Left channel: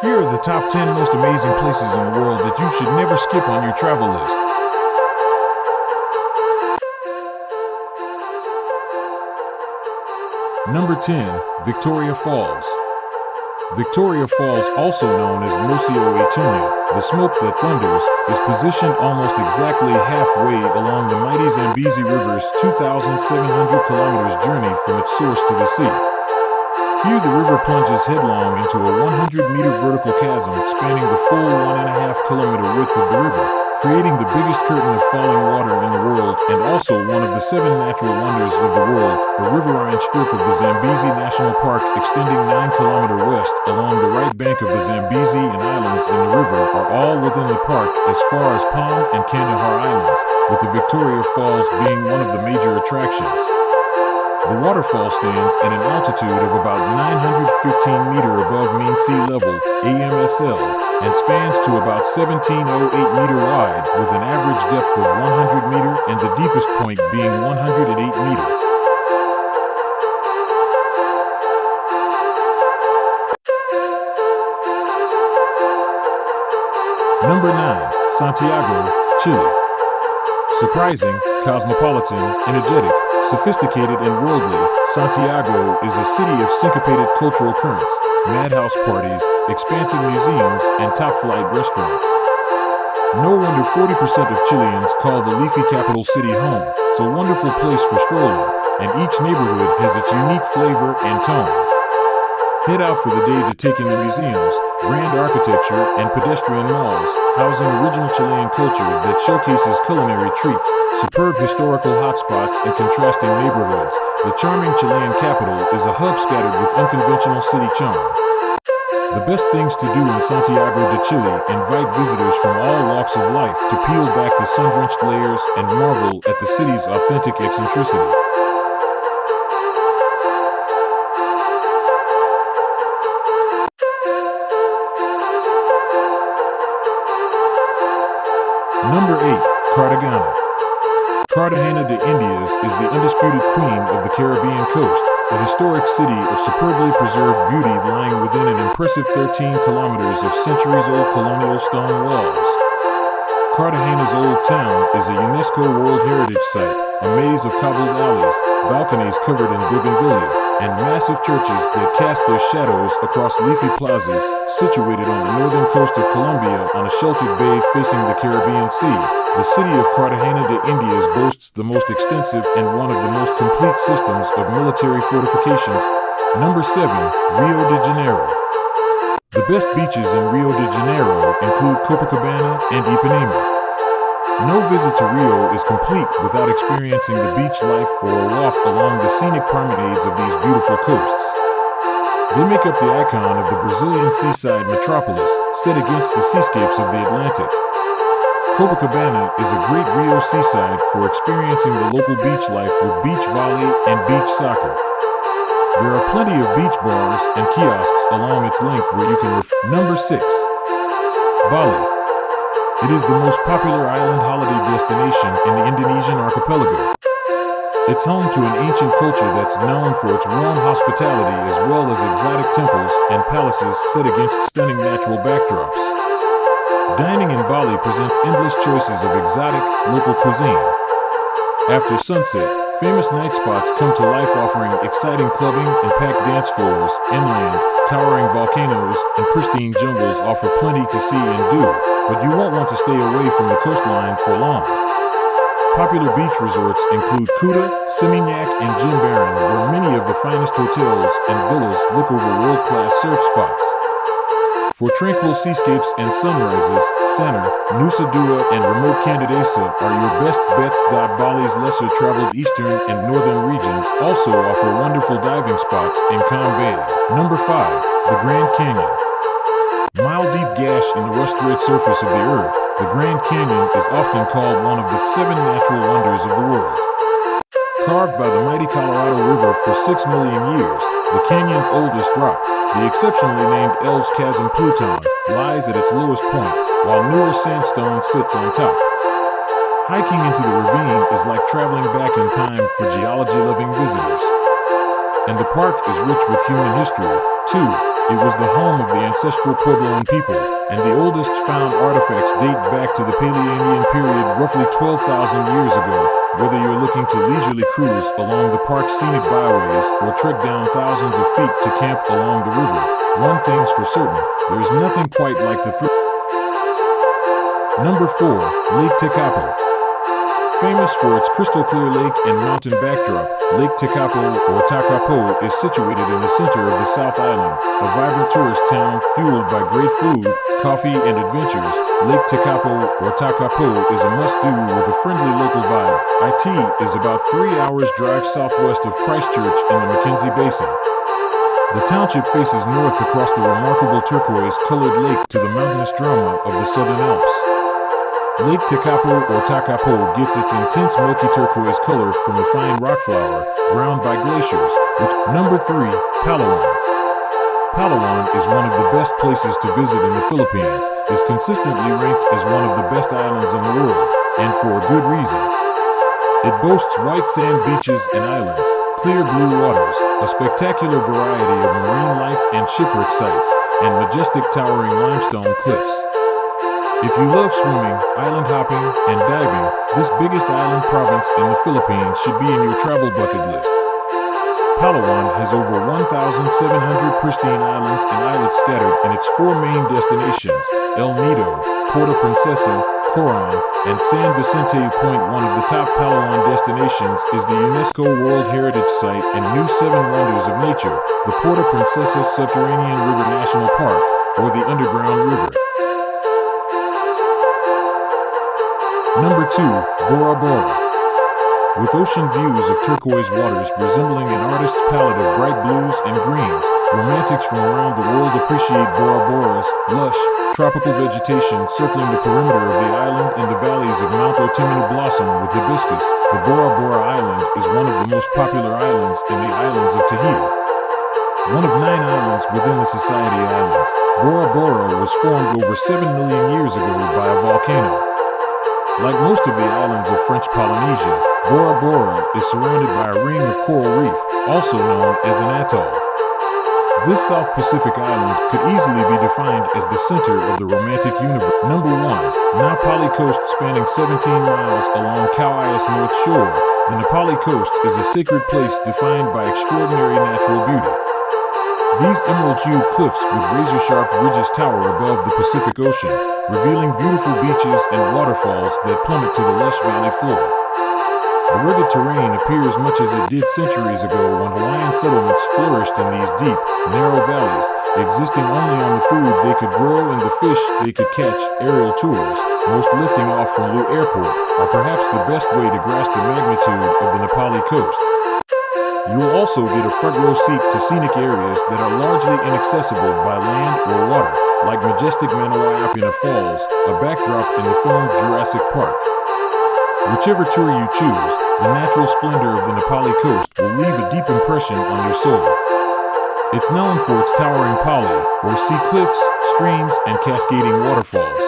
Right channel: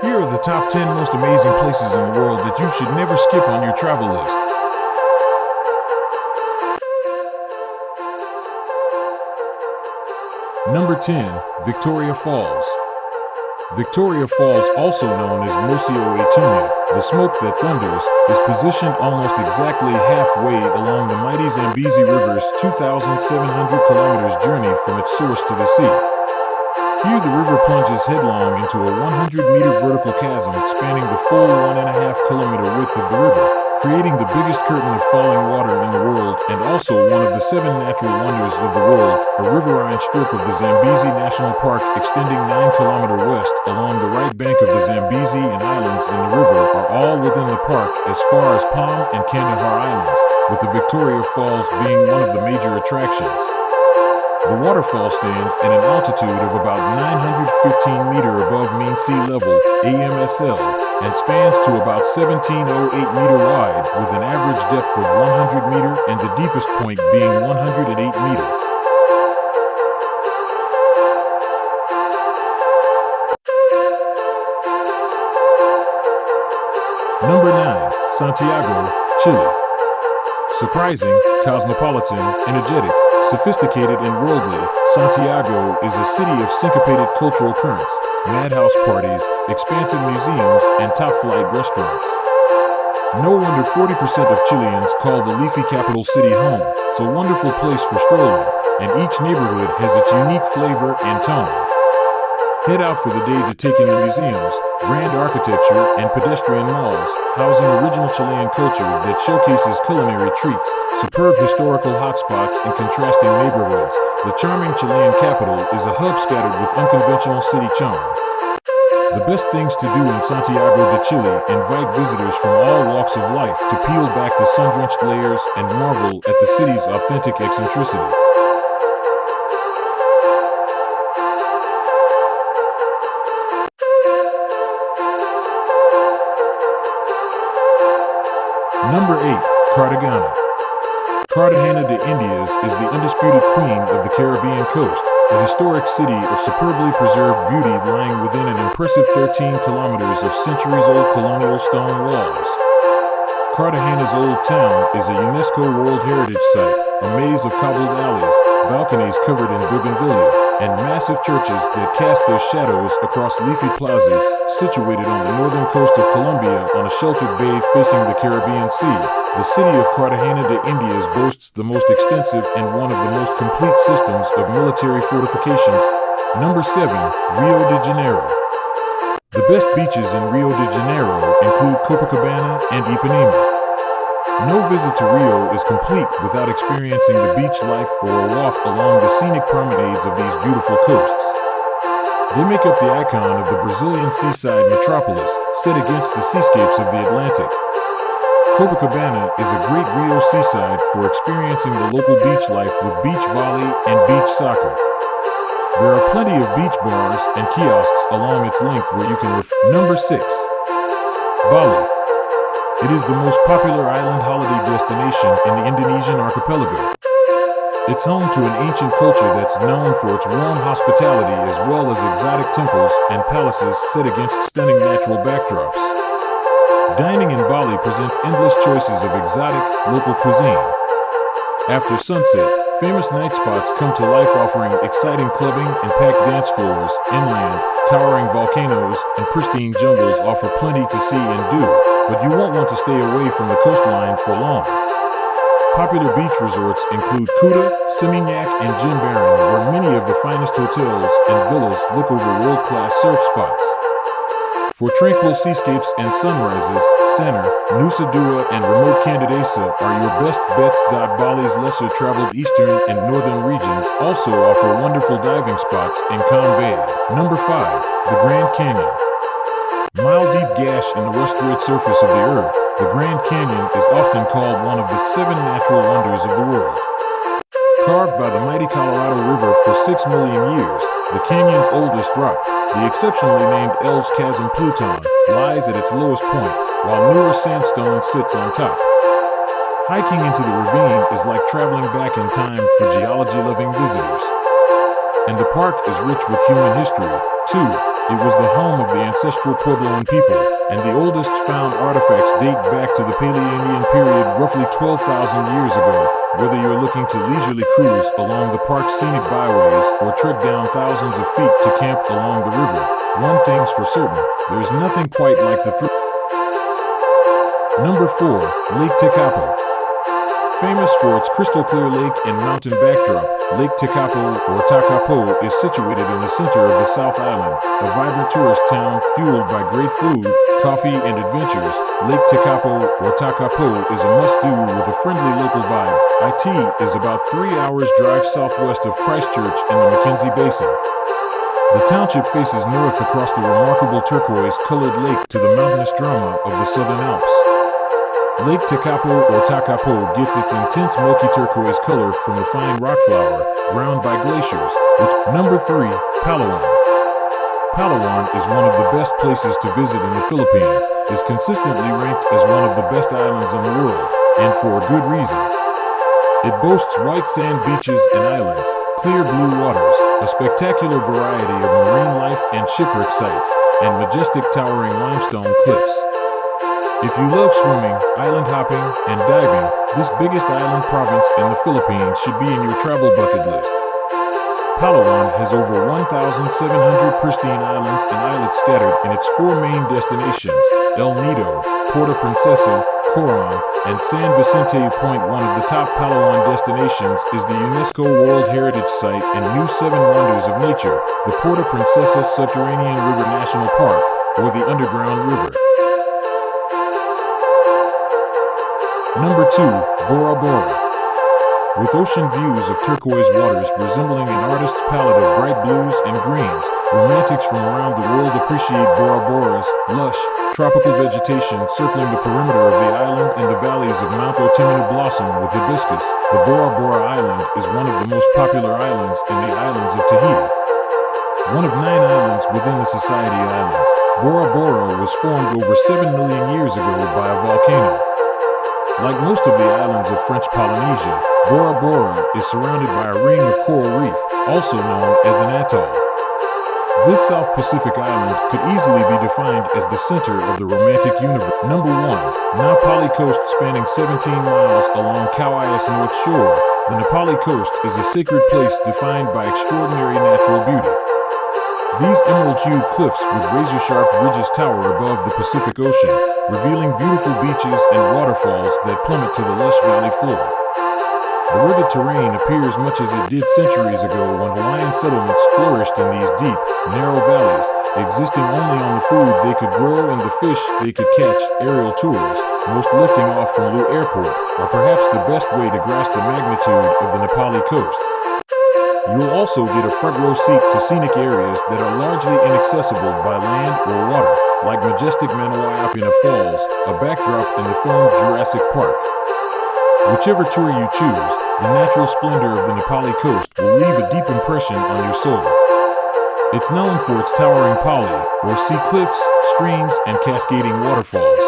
Here are the top 10 most amazing places in the world that you should never skip on your travel list. Number 10. Victoria Falls. Victoria Falls, also known as Museo Itunya, the smoke that thunders, is positioned almost exactly halfway along the mighty Zambezi River's 2,700 kilometers journey from its source to the sea. Here the river plunges headlong into a 100-meter vertical chasm spanning the full 1.5-kilometer width of the river, creating the biggest curtain of falling water in the world and also one of the 7 natural wonders of the world. A riverine strip of the Zambezi National Park extending 9 kilometers west along the right bank of the Zambezi and islands in the river are all within the park as far as Palm and Kandahar Islands, with the Victoria Falls being one of the major attractions. The waterfall stands at an altitude of about 915 meters above mean sea level, AMSL, and spans to about 1708 meters wide with an average depth of 100 meters and the deepest point being 108 meters. Number 9. Santiago, Chile. Surprising, cosmopolitan, energetic, sophisticated and worldly, Santiago is a city of syncopated cultural currents, madhouse parties, expansive museums, and top-flight restaurants. No wonder 40% of Chileans call the leafy capital city home. It's a wonderful place for strolling, and each neighborhood has its unique flavor and tone. Head out for the day to take in the museums, grand architecture, and pedestrian malls, housing original Chilean culture that showcases culinary treats, superb historical hotspots, and contrasting neighborhoods. The charming Chilean capital is a hub scattered with unconventional city charm. The best things to do in Santiago de Chile invite visitors from all walks of life to peel back the sun-drenched layers and marvel at the city's authentic eccentricity. Number 8. Cartagena. Cartagena de Indias is the undisputed queen of the Caribbean coast, a historic city of superbly preserved beauty lying within an impressive 13 kilometers of centuries-old colonial stone walls. Cartagena's Old Town is a UNESCO World Heritage Site, a maze of cobbled alleys, balconies covered in bougainvillea, and massive churches that cast their shadows across leafy plazas, situated on the northern coast of Colombia on a sheltered bay facing the Caribbean Sea. The city of Cartagena de Indias boasts the most extensive and one of the most complete systems of military fortifications. Number 7. Rio de Janeiro. The best beaches in Rio de Janeiro include Copacabana and Ipanema. No visit to Rio is complete without experiencing the beach life or a walk along the scenic promenades of these beautiful coasts. They make up the icon of the Brazilian seaside metropolis, set against the seascapes of the Atlantic. Copacabana is a great Rio seaside for experiencing the local beach life with beach volley and beach soccer. There are plenty of beach bars and kiosks along its length where you can Number 6. Bali. It is the most popular island holiday destination in the Indonesian archipelago. It's home to an ancient culture that's known for its warm hospitality as well as exotic temples and palaces set against stunning natural backdrops. Dining in Bali presents endless choices of exotic, local cuisine. After sunset, famous night spots come to life offering exciting clubbing and packed dance floors. Inland, towering volcanoes and pristine jungles offer plenty to see and do, but you won't want to stay away from the coastline for long. Popular beach resorts include Kuta, Seminyak, and Jimbaran, where many of the finest hotels and villas look over world-class surf spots. For tranquil seascapes and sunrises, Sanur, Nusa Dua, and remote Candidasa are your best bets. Bali's lesser-traveled eastern and northern regions also offer wonderful diving spots in calm bays. Number 5. The Grand Canyon. Mile-deep gash in the rust-red surface of the earth, the Grand Canyon is often called one of the 7 natural wonders of the world. Carved by the mighty Colorado River for 6 million years, the canyon's oldest rock, the exceptionally named Elves Chasm Pluton, lies at its lowest point, while newer sandstone sits on top. Hiking into the ravine is like traveling back in time for geology-loving visitors. And the park is rich with human history, too. It was the home of the ancestral Puebloan people, and the oldest found artifacts date back to the Paleoindian period, roughly 12,000 years ago. Whether you're looking to leisurely cruise along the park's scenic byways or trek down thousands of feet to camp along the river, one thing's for certain, there's nothing quite like the thrill. Number 4. Lake Tekapo. Famous for its crystal clear lake and mountain backdrop, Lake Tekapo, or Takapo, is situated in the center of the South Island, a vibrant tourist town fueled by great food, coffee, and adventures. Lake Tekapo, or Takapo, is a must-do with a friendly local vibe. It is about 3 hours drive southwest of Christchurch in the Mackenzie Basin. The township faces north across the remarkable turquoise-colored lake to the mountainous drama of the Southern Alps. Lake Tekapo, or Takapo, gets its intense milky turquoise color from the fine rock flour, ground by glaciers. Number 3. Palawan. Palawan is one of the best places to visit in the Philippines, is consistently ranked as one of the best islands in the world, and for a good reason. It boasts white sand beaches and islands, clear blue waters, a spectacular variety of marine life and shipwreck sites, and majestic towering limestone cliffs. If you love swimming, island hopping, and diving, this biggest island province in the Philippines should be in your travel bucket list. Palawan has over 1,700 pristine islands and islets scattered in its 4 main destinations, El Nido, Puerto Princesa, Coron, and San Vicente Point. One of the top Palawan destinations is the UNESCO World Heritage Site and new 7 Wonders of Nature, the Puerto Princesa Subterranean River National Park, or the Underground River. Number 2. Bora Bora. With ocean views of turquoise waters resembling an artist's palette of bright blues and greens, romantics from around the world appreciate Bora Bora's lush, tropical vegetation circling the perimeter of the island and the valleys of Mount Otimanu blossom with hibiscus. The Bora Bora Island is one of the most popular islands in the islands of Tahiti. One of 9 islands within the Society Islands, Bora Bora was formed over 7 million years ago by a volcano. Like most of the islands of French Polynesia, Bora Bora is surrounded by a ring of coral reef, also known as an atoll. This South Pacific island could easily be defined as the center of the romantic universe. Number 1. Na Pali Coast. Spanning 17 miles along Kauai's north shore, the Na Pali Coast is a sacred place defined by extraordinary natural beauty. These emerald-hued cliffs with razor-sharp ridges tower above the Pacific Ocean, revealing beautiful beaches and waterfalls that plummet to the lush valley floor. The rugged terrain appears much as it did centuries ago when Hawaiian settlements flourished in these deep, narrow valleys, existing only on the food they could grow and the fish they could catch. Aerial tours, most lifting off from Lue Airport, are perhaps the best way to grasp the magnitude of the Na Pali Coast. You'll also get a front-row seat to scenic areas that are largely inaccessible by land or water, like majestic Manawaiapina Falls, a backdrop in the film Jurassic Park. Whichever tour you choose, the natural splendor of the Na Pali Coast will leave a deep impression on your soul. It's known for its towering pali, or sea cliffs, streams, and cascading waterfalls.